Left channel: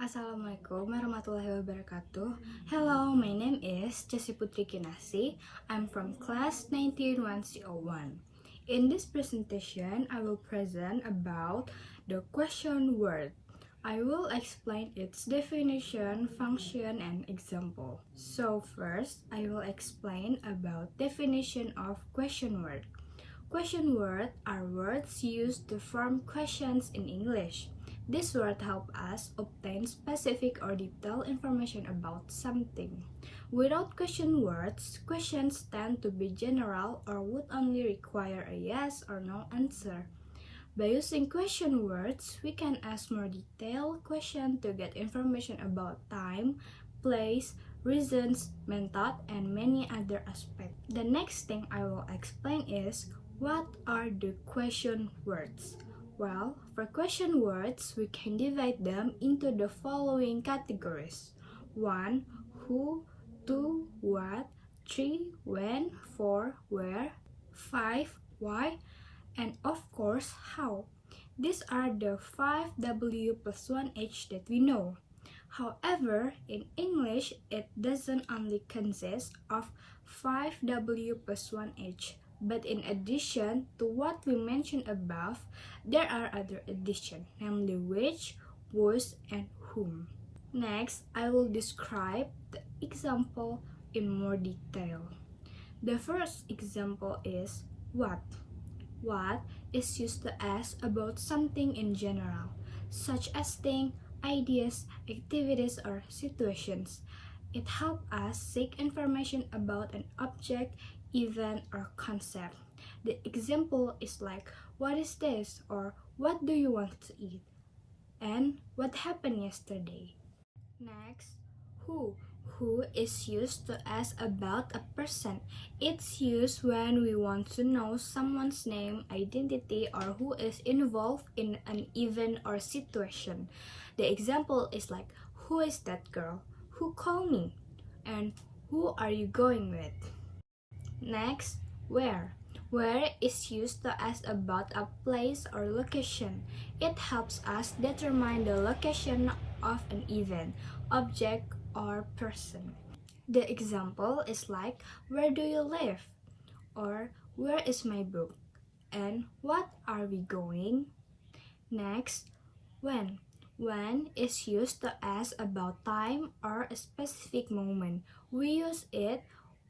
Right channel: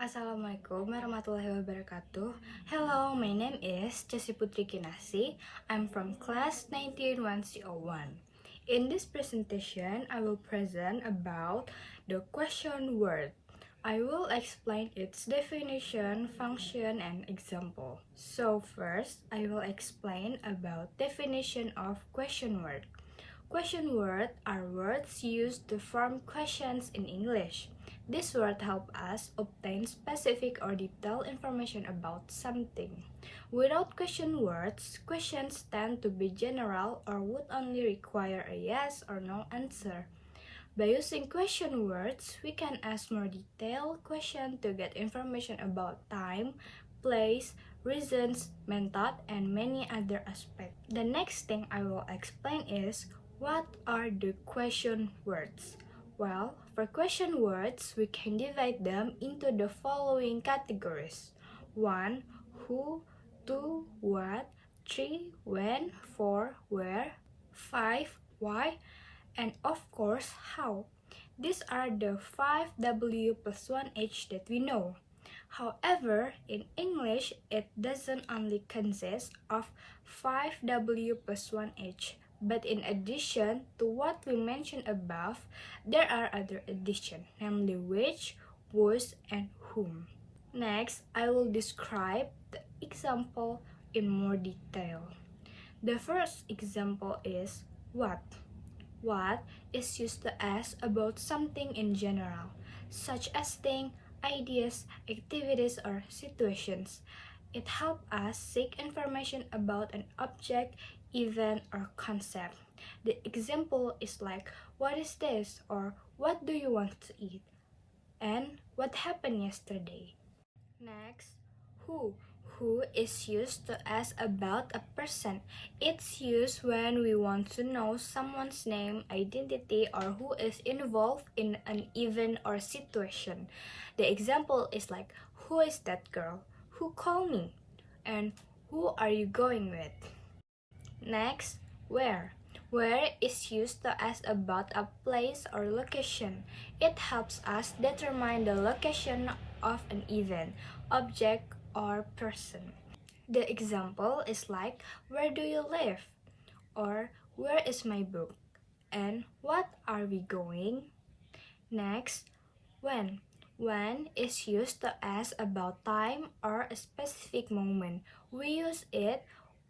Assalamualaikum warahmatullahi wabarakatuh. Hello, my name is Chessi Putri. I'm from class 19101. In this presentation, I will present about the question word. I will explain its definition, function, and example. So first, I will explain about definition of question word. Question words are words used to form questions in English. This word help us obtain specific or detailed information about something. Without question words, questions tend to be general or would only require a yes or no answer. By using question words, we can ask more detailed questions to get information about time, place, reasons, method, and many other aspects. The next thing I will explain is what are the question words. Well, for question words, we can divide them into the following categories. 1. Who, 2. What, 3. When, 4. Where, 5. Why, and of course, how. These are the 5 W plus 1 H that we know. However, in English, it doesn't only consist of 5 W plus 1 H, but in addition to what we mentioned above, there are other additions, namely which, whose, and whom. Next, I will describe the example in more detail. The first example is what. What is used to ask about something in general, such as things, ideas, activities, or situations. It helps us seek information about an object, event, or concept. The example is like, what is this? Or what do you want to eat? And what happened yesterday? Next, who. Who is used to ask about a person. It's used when we want to know someone's name, identity, or who is involved in an event or situation. The example is like, who is that girl? Who called me? And who are you going with? Next, where. Where is used to ask about a place or location. It helps us determine the location of an event, object, or person. The example is like, where do you live? Or where is my book? And what are we going? Next, when. When is used to ask about time or a specific moment. We use it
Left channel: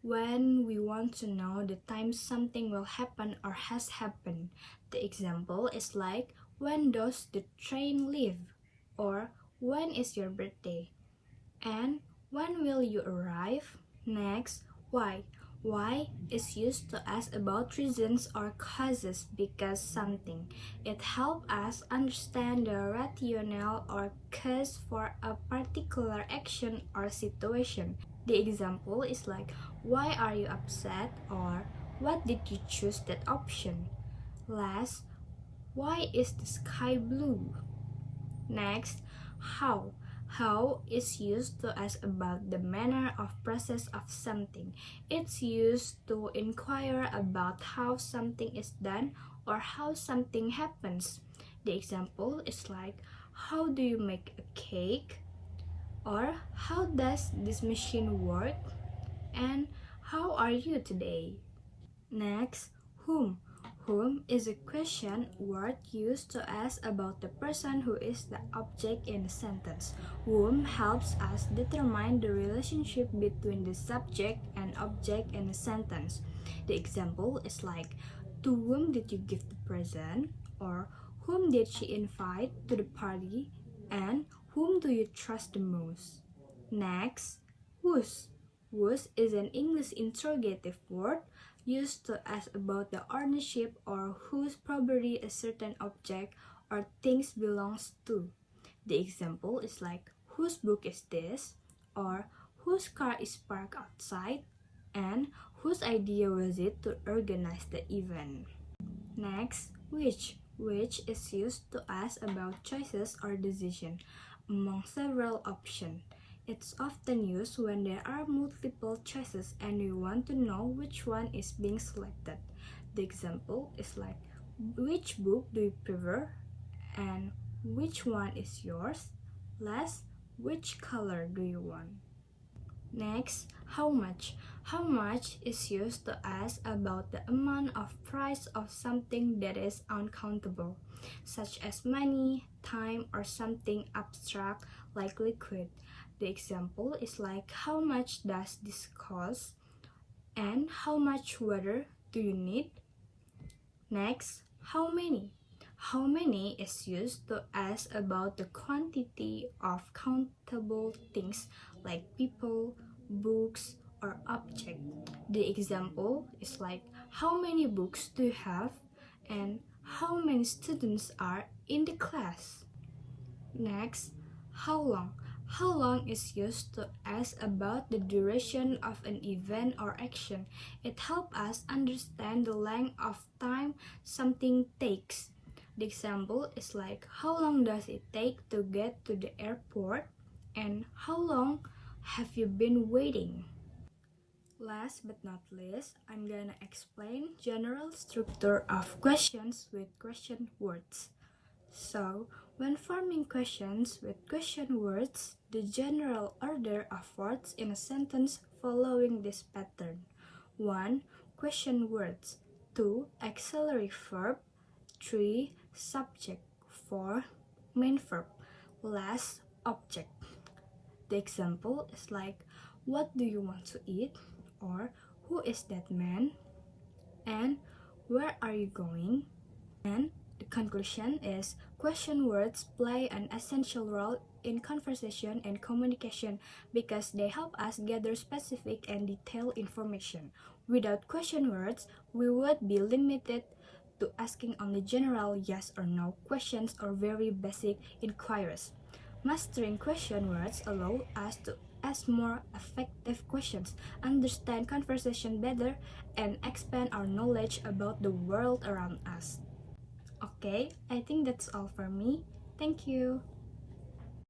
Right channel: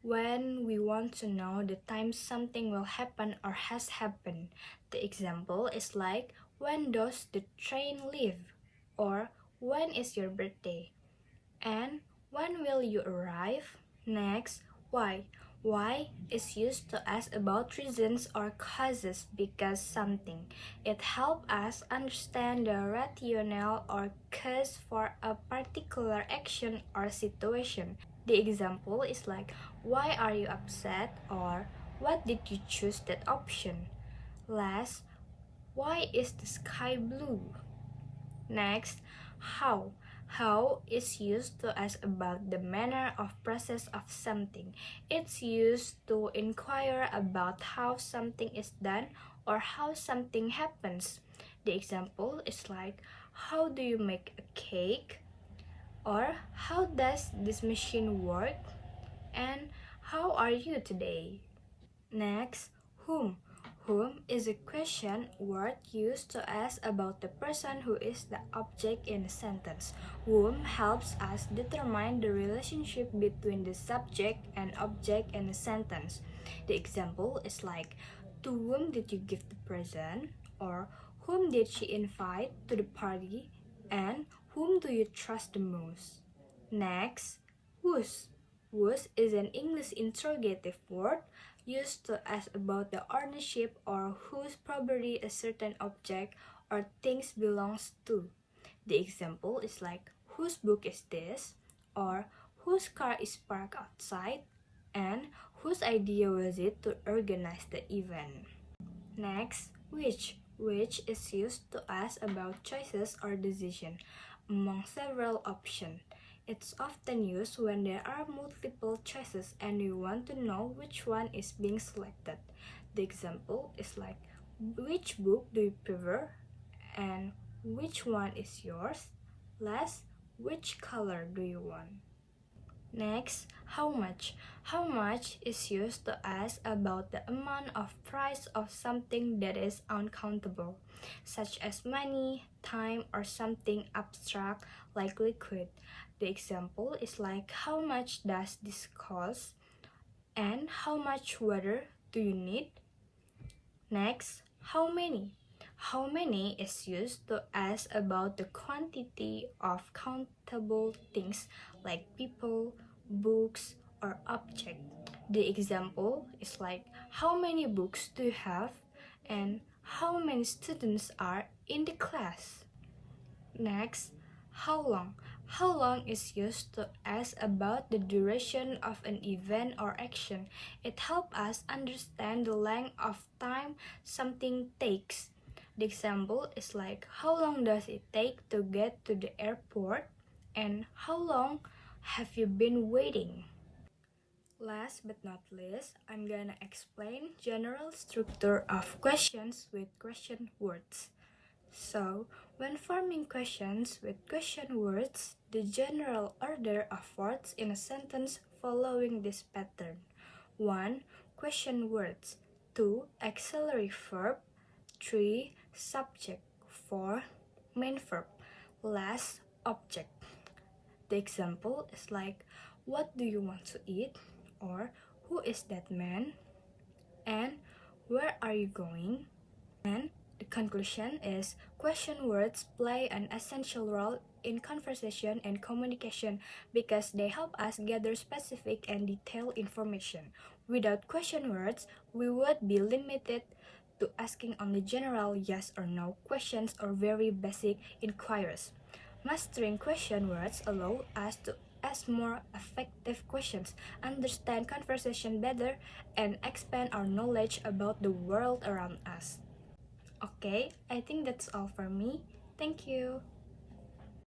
when we want to know the time something will happen or has happened. The example is like, when does the train leave? Or when is your birthday? And when will you arrive? Next, why. Why is used to ask about reasons or causes because something. It helps us understand the rationale or cause for a particular action or situation. The example is like, why are you upset? Or what did you choose that option? Last, why is the sky blue? Next, how. How is used to ask about the manner of process of something. It's used to inquire about how something is done or how something happens. The example is like, how do you make a cake? Or how does this machine work? And how are you today? Next, whom. Whom is a question word used to ask about the person who is the object in a sentence. Whom helps us determine the relationship between the subject and object in a sentence. The example is like, to whom did you give the present? Or whom did she invite to the party? And whom do you trust the most? Next, whose. Whose is an English interrogative word used to ask about the ownership or whose property a certain object or things belongs to. The example is like, whose book is this? Or whose car is parked outside? And whose idea was it to organize the event? Next, which. Which is used to ask about choices or decision among several options. It's often used when there are multiple choices and we want to know which one is being selected. The example is like, which book do you prefer? And which one is yours? Last, Which color do you want? Next, how much? How much is used to ask about the amount of price of something that is uncountable, such as money, time, or something abstract like liquid. The example is like, how much does this cost? And how much water do you need? Next, how many? How many is used to ask about the quantity of countable things like people, books, or objects. The example is like, how many books do you have? And how many students are in the class? Next, how long? How long is used to ask about the duration of an event or action. It helps us understand the length of time something takes. The example is like, how long does it take to get to the airport? And how long have you been waiting? Last but not least, I'm gonna explain general structure of questions with question words. So, when forming questions with question words, the general order of words in a sentence following this pattern. 1. Question words. 2. Auxiliary verb. 3. Subject. 4. Main verb. Last, object. The example is like, what do you want to eat? Or, who is that man? And, where are you going? And the conclusion is, question words play an essential role in conversation and communication because they help us gather specific and detailed information. Without question words, we would be limited to asking only general yes or no questions or very basic inquiries. Mastering question words allow us to ask more effective questions, understand conversation better, and expand our knowledge about the world around us. Okay, I think that's all for me. Thank you.